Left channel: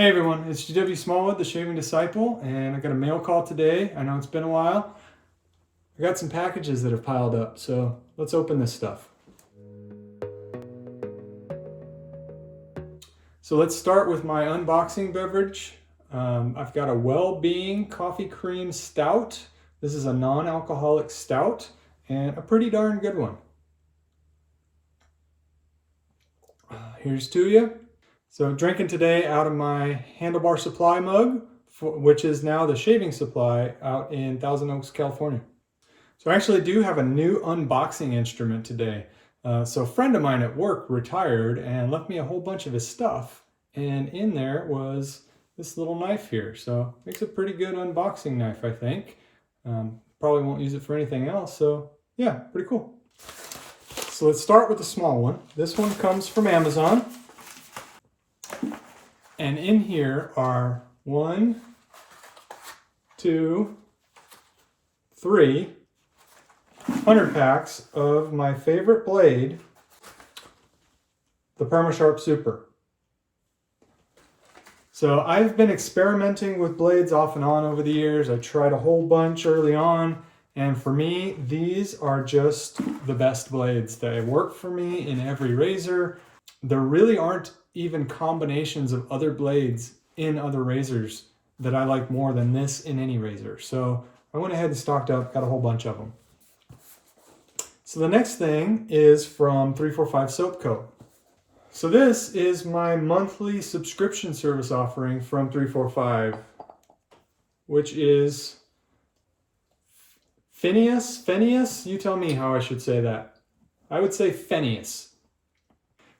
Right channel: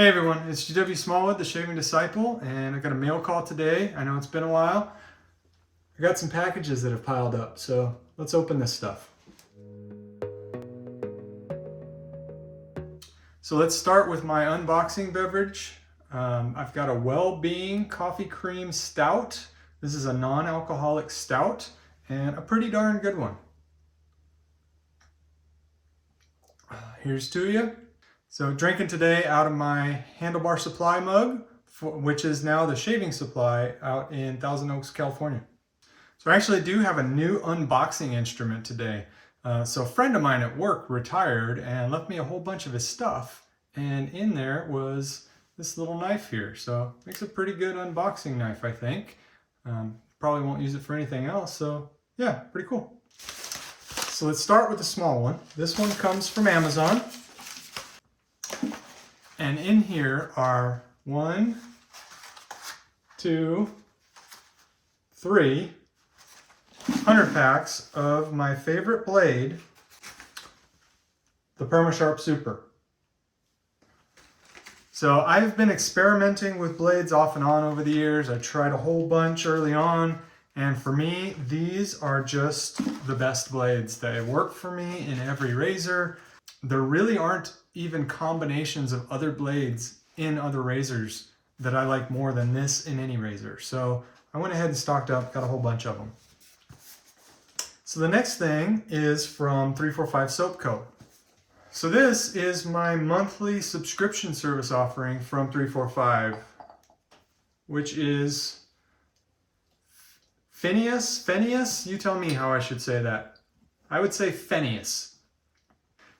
Hey everyone, it's gwsmallwood, the Shaving Disciple, and I got a mail call today. I know it's been a while. I got some packages that have piled up, so let's open this stuff. So let's start with my unboxing beverage. I've got a Well-Being Coffee Cream Stout. This is a non-alcoholic stout, and a pretty darn good one. Here's to you. So drinking today out of my Handlebar Supply mug, which is now the Shaving Supply out in Thousand Oaks, California. So I actually do have a new unboxing instrument today. So a friend of mine at work retired and left me a whole bunch of his stuff. And in there was this little knife here. So makes a pretty good unboxing knife, I think. Probably won't use it for anything else. So yeah, pretty cool. So let's start with the small one. This one comes from Amazon. And in here are 1, 2, 3 100 packs of my favorite blade, the perma-sharp Super. So I've been experimenting with blades off and on over the years. I tried a whole bunch early on, and for me, these are just the best blades. They work for me in every razor. There really aren't even combinations of other blades in other razors that I like more than this in any razor. So I went ahead and stocked up, got a whole bunch of them. So the next thing is from 345 Soap Co. So this is my monthly subscription service offering from 345, which is Phineas? You tell me how I should say that. I would say Phineas.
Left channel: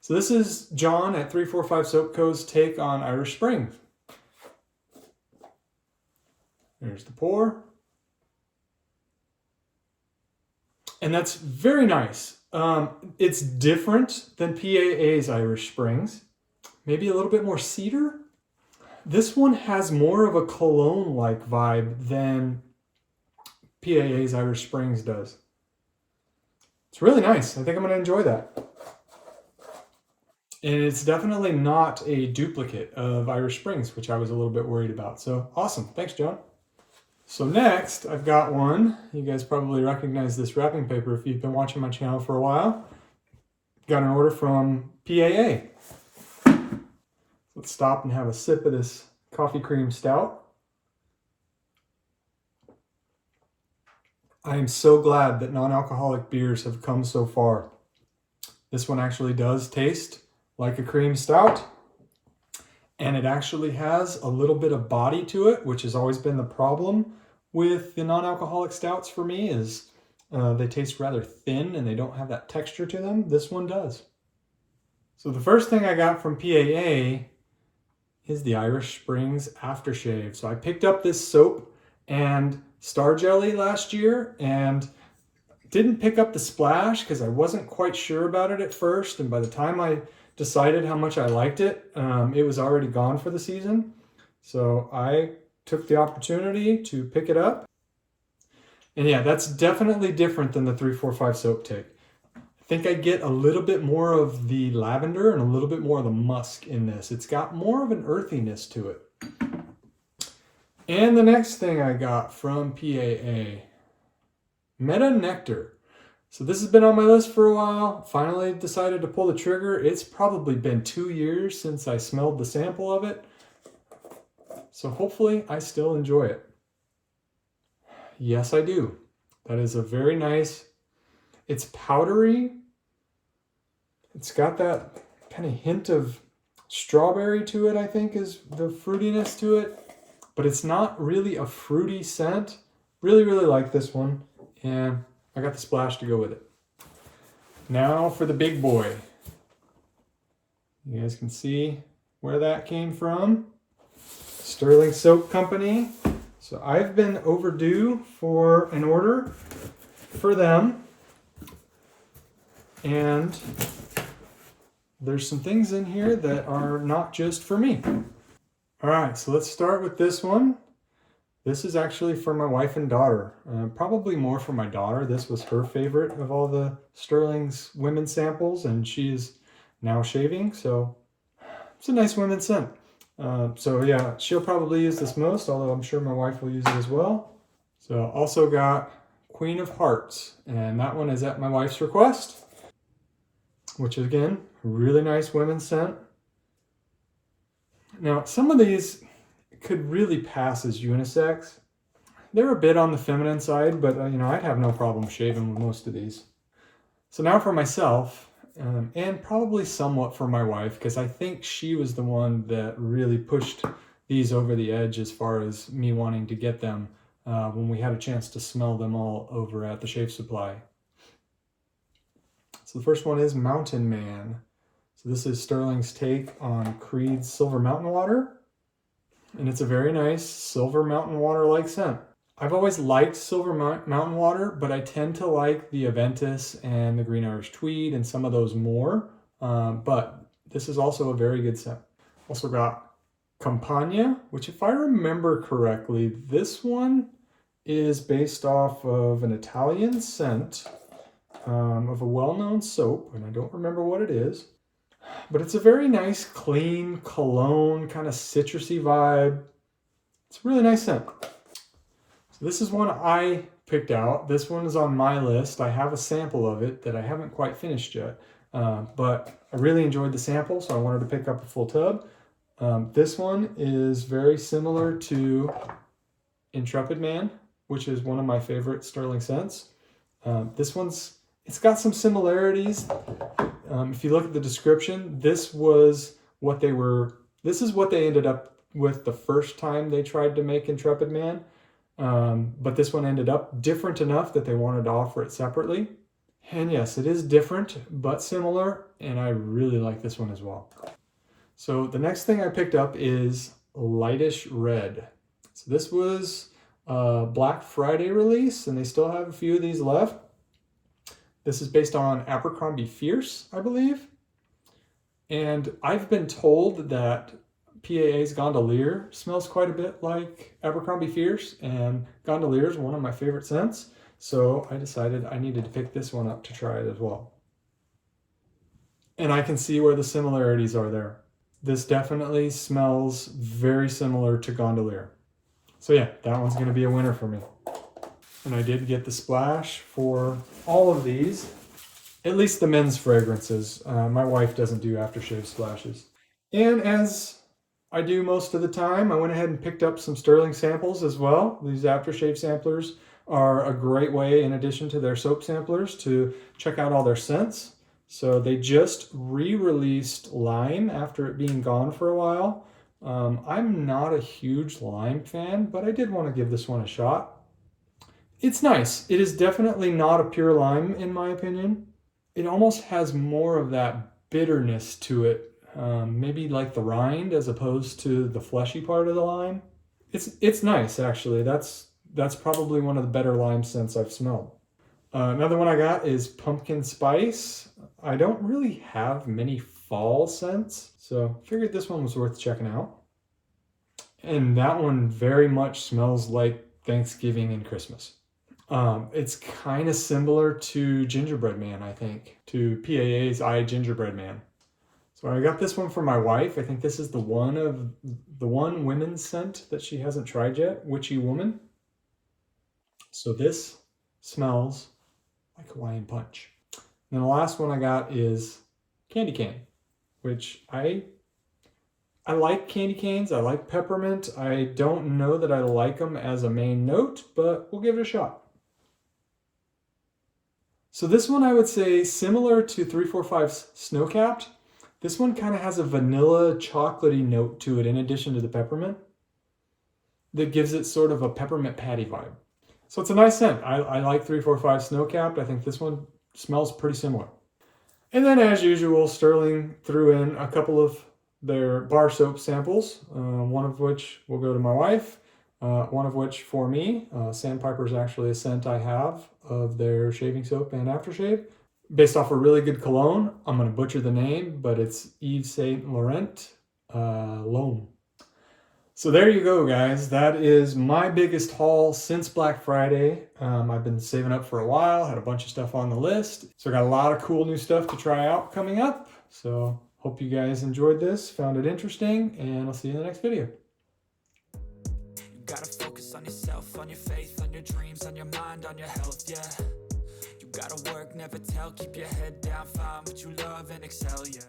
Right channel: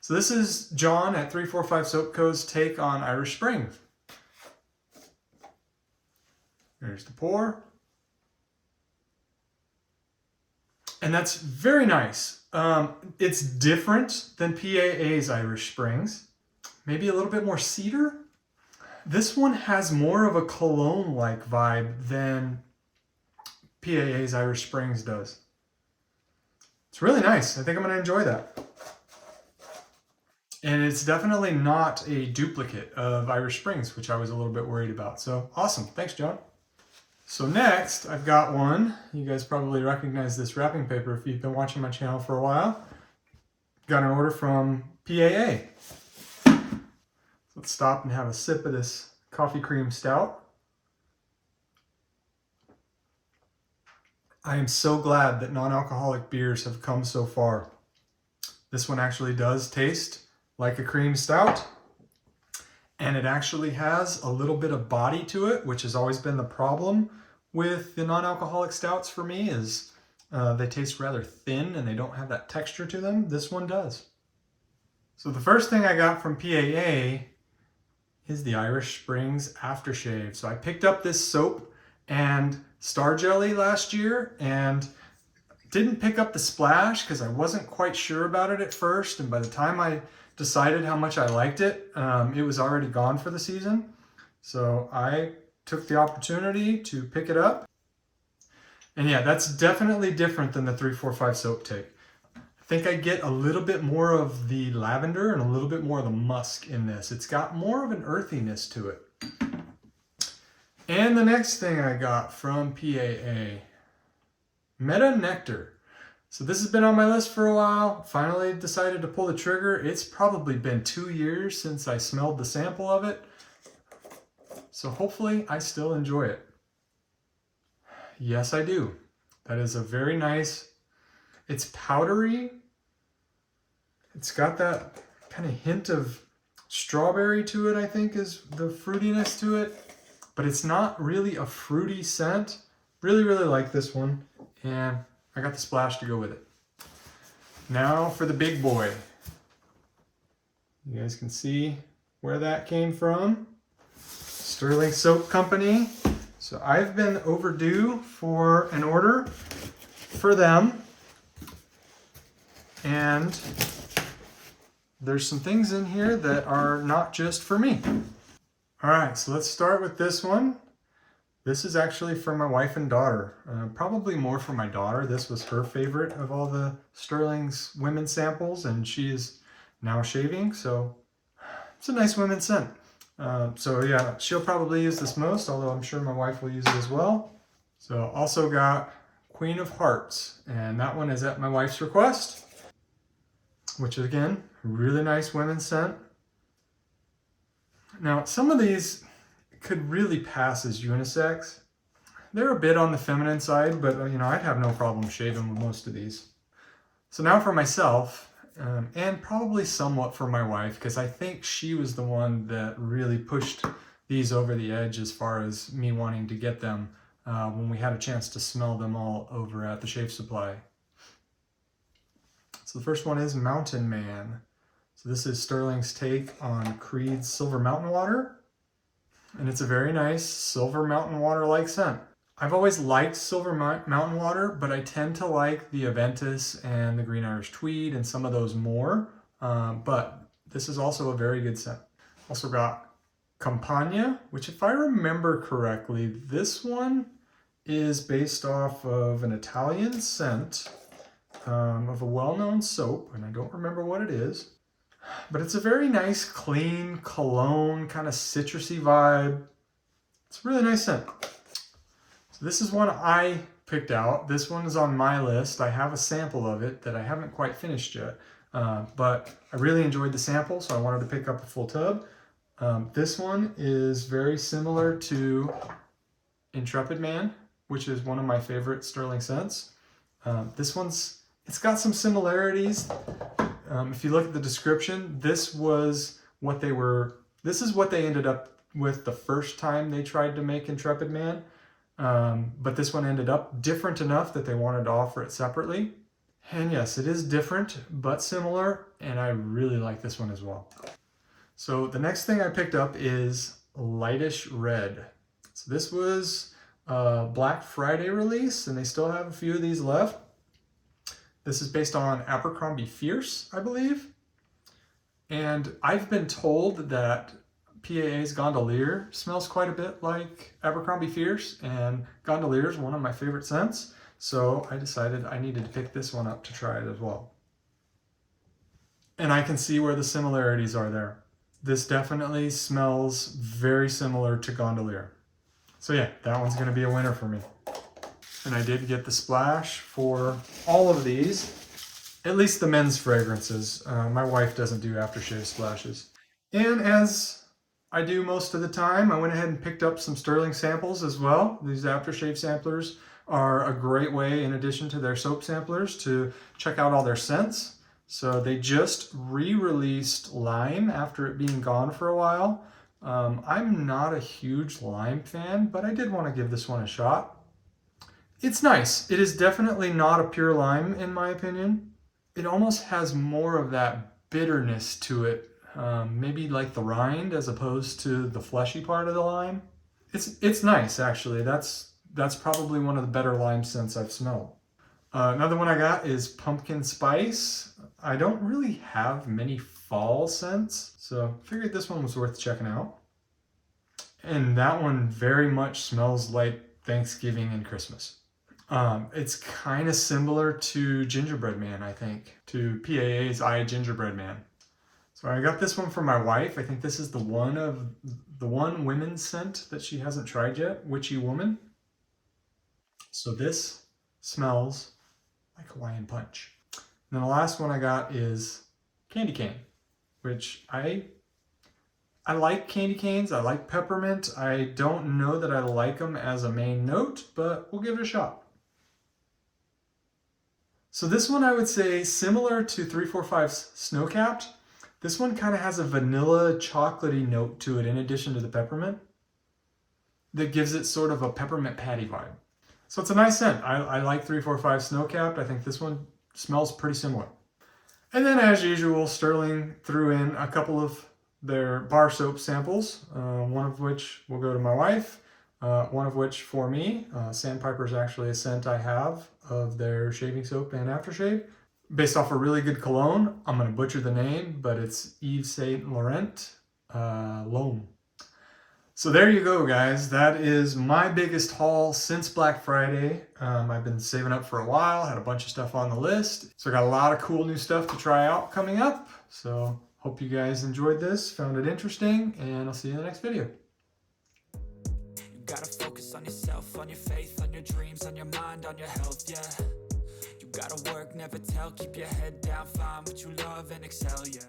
So this is John at 345 Soap Co.'s take on Irish Springs. There's the pour. And that's very nice. It's different than PAA's Irish Springs. Maybe a little bit more cedar. This one has more of a cologne-like vibe than PAA's Irish Springs does. It's really nice. I think I'm going to enjoy that. And it's definitely not a duplicate of Irish Springs, which I was a little bit worried about. So awesome. Thanks, John. So next, I've got one. You guys probably recognize this wrapping paper if you've been watching my channel for a while. Got an order from PAA. Let's stop and have a sip of this coffee cream stout. I am so glad that non-alcoholic beers have come so far. This one actually does taste like a cream stout, and it actually has a little bit of body to it, which has always been the problem with the non-alcoholic stouts for me, is they taste rather thin and they don't have that texture to them. This one does. So the first thing I got from PAA is the Irish Springs aftershave. So I picked up this soap and Star Jelly last year and didn't pick up the splash because I wasn't quite sure about it at first, and by the time I decided how much I liked it, it was already gone for the season. So I took the opportunity to pick it up. And yeah, that's definitely different than the 345 Soap take. I think I get a little bit more of the lavender and a little bit more of the musk in this. It's got more of an earthiness to it. And the next thing I got from PAA, Meta Nectar. So this has been on my list for a while. Finally decided to pull the trigger. It's probably been 2 years since I smelled the sample of it. So hopefully I still enjoy it. Yes, I do. That is a very nice, it's powdery. It's got that kind of hint of strawberry to it, I think, is the fruitiness to it. But it's not really a fruity scent. Really, really like this one. And I got the splash to go with it. Now for the big boy. You guys can see where that came from. Stirling Soap Company. So I've been overdue for an order for them. And there's some things in here that are not just for me. All right, so let's start with this one. This is actually for my wife and daughter, probably more for my daughter. This was her favorite of all the Stirling's women's samples, and she's now shaving, so it's a nice women's scent. So yeah, she'll probably use this most, although I'm sure my wife will use it as well. So also got Queen of Hearts, and that one is at my wife's request, which is again, really nice women's scent. Now, some of these could really pass as unisex. They're a bit on the feminine side, but you know, I'd have no problem shaving with most of these. So now for myself, and probably somewhat for my wife, because I think she was the one that really pushed these over the edge as far as me wanting to get them when we had a chance to smell them all over at the Shave Supply. So the first one is Mountain Man. So this is Stirling's take on Creed's Silver Mountain Water. And it's a very nice Silver Mountain Water-like scent. I've always liked Silver Mountain Water, but I tend to like the Aventus and the Green Irish Tweed and some of those more. But this is also a very good scent. Also got Campagna, which if I remember correctly, this one is based off of an Italian scent of a well-known soap, and I don't remember what it is. But it's a very nice, clean cologne, kind of citrusy vibe. It's a really nice scent. So this is one I picked out. This one is on my list. I have a sample of it that I haven't quite finished yet. But I really enjoyed the sample, so I wanted to pick up a full tub. This one is very similar to Intrepid Man, which is one of my favorite Stirling scents. It's got some similarities. If you look at the description, this is what they ended up with the first time they tried to make Intrepid Man. But this one ended up different enough that they wanted to offer it separately. And yes, it is different, but similar, and I really like this one as well. So the next thing I picked up is Lightish Red. So this was a Black Friday release, and they still have a few of these left. This is based on Abercrombie Fierce, I believe. And I've been told that PAA's Gondolier smells quite a bit like Abercrombie Fierce, and Gondolier is one of my favorite scents. So I decided I needed to pick this one up to try it as well. And I can see where the similarities are there. This definitely smells very similar to Gondolier. So yeah, that one's going to be a winner for me. And I did get the splash for all of these, at least the men's fragrances. My wife doesn't do aftershave splashes. And as I do most of the time, I went ahead and picked up some Stirling samples as well. These aftershave samplers are a great way, in addition to their soap samplers, to check out all their scents. So they just re-released Lime after it being gone for a while. I'm not a huge Lime fan, but I did want to give this one a shot. It's nice. It is definitely not a pure lime, in my opinion. It almost has more of that bitterness to it, maybe like the rind as opposed to the fleshy part of the lime. It's nice, actually. That's probably one of the better lime scents I've smelled. Another one I got is Pumpkin Spice. I don't really have many fall scents, so I figured this one was worth checking out. And that one very much smells like Thanksgiving and Christmas. It's kind of similar to Gingerbread Man, I think, to PAA's I Gingerbread Man. So I got this one for my wife. I think this is the one women's scent that she hasn't tried yet, Witchy Woman. So this smells like Hawaiian Punch. And then the last one I got is Candy Cane, which I like candy canes. I like peppermint. I don't know that I like them as a main note, but we'll give it a shot. So this one I would say similar to 345's Snowcapped. This one kind of has a vanilla chocolatey note to it in addition to the peppermint that gives it sort of a peppermint patty vibe. So it's a nice scent. I like 345 Snowcapped. I think this one smells pretty similar. And then as usual, Stirling threw in a couple of their bar soap samples, one of which will go to my wife. One of which for me, Sandpiper is actually a scent I have of their shaving soap and aftershave. Based off a really good cologne. I'm going to butcher the name, but it's Yves Saint Laurent L'Homme. So there you go, guys. That is my biggest haul since Black Friday. I've been saving up for a while, had a bunch of stuff on the list. So I got a lot of cool new stuff to try out coming up. So Hope you guys enjoyed this, found it interesting, and I'll see you in the next video. You gotta focus on yourself, on your faith, on your dreams, on your mind, on your health, yeah. You gotta work, never tell, keep your head down, find what you love and excel, yeah.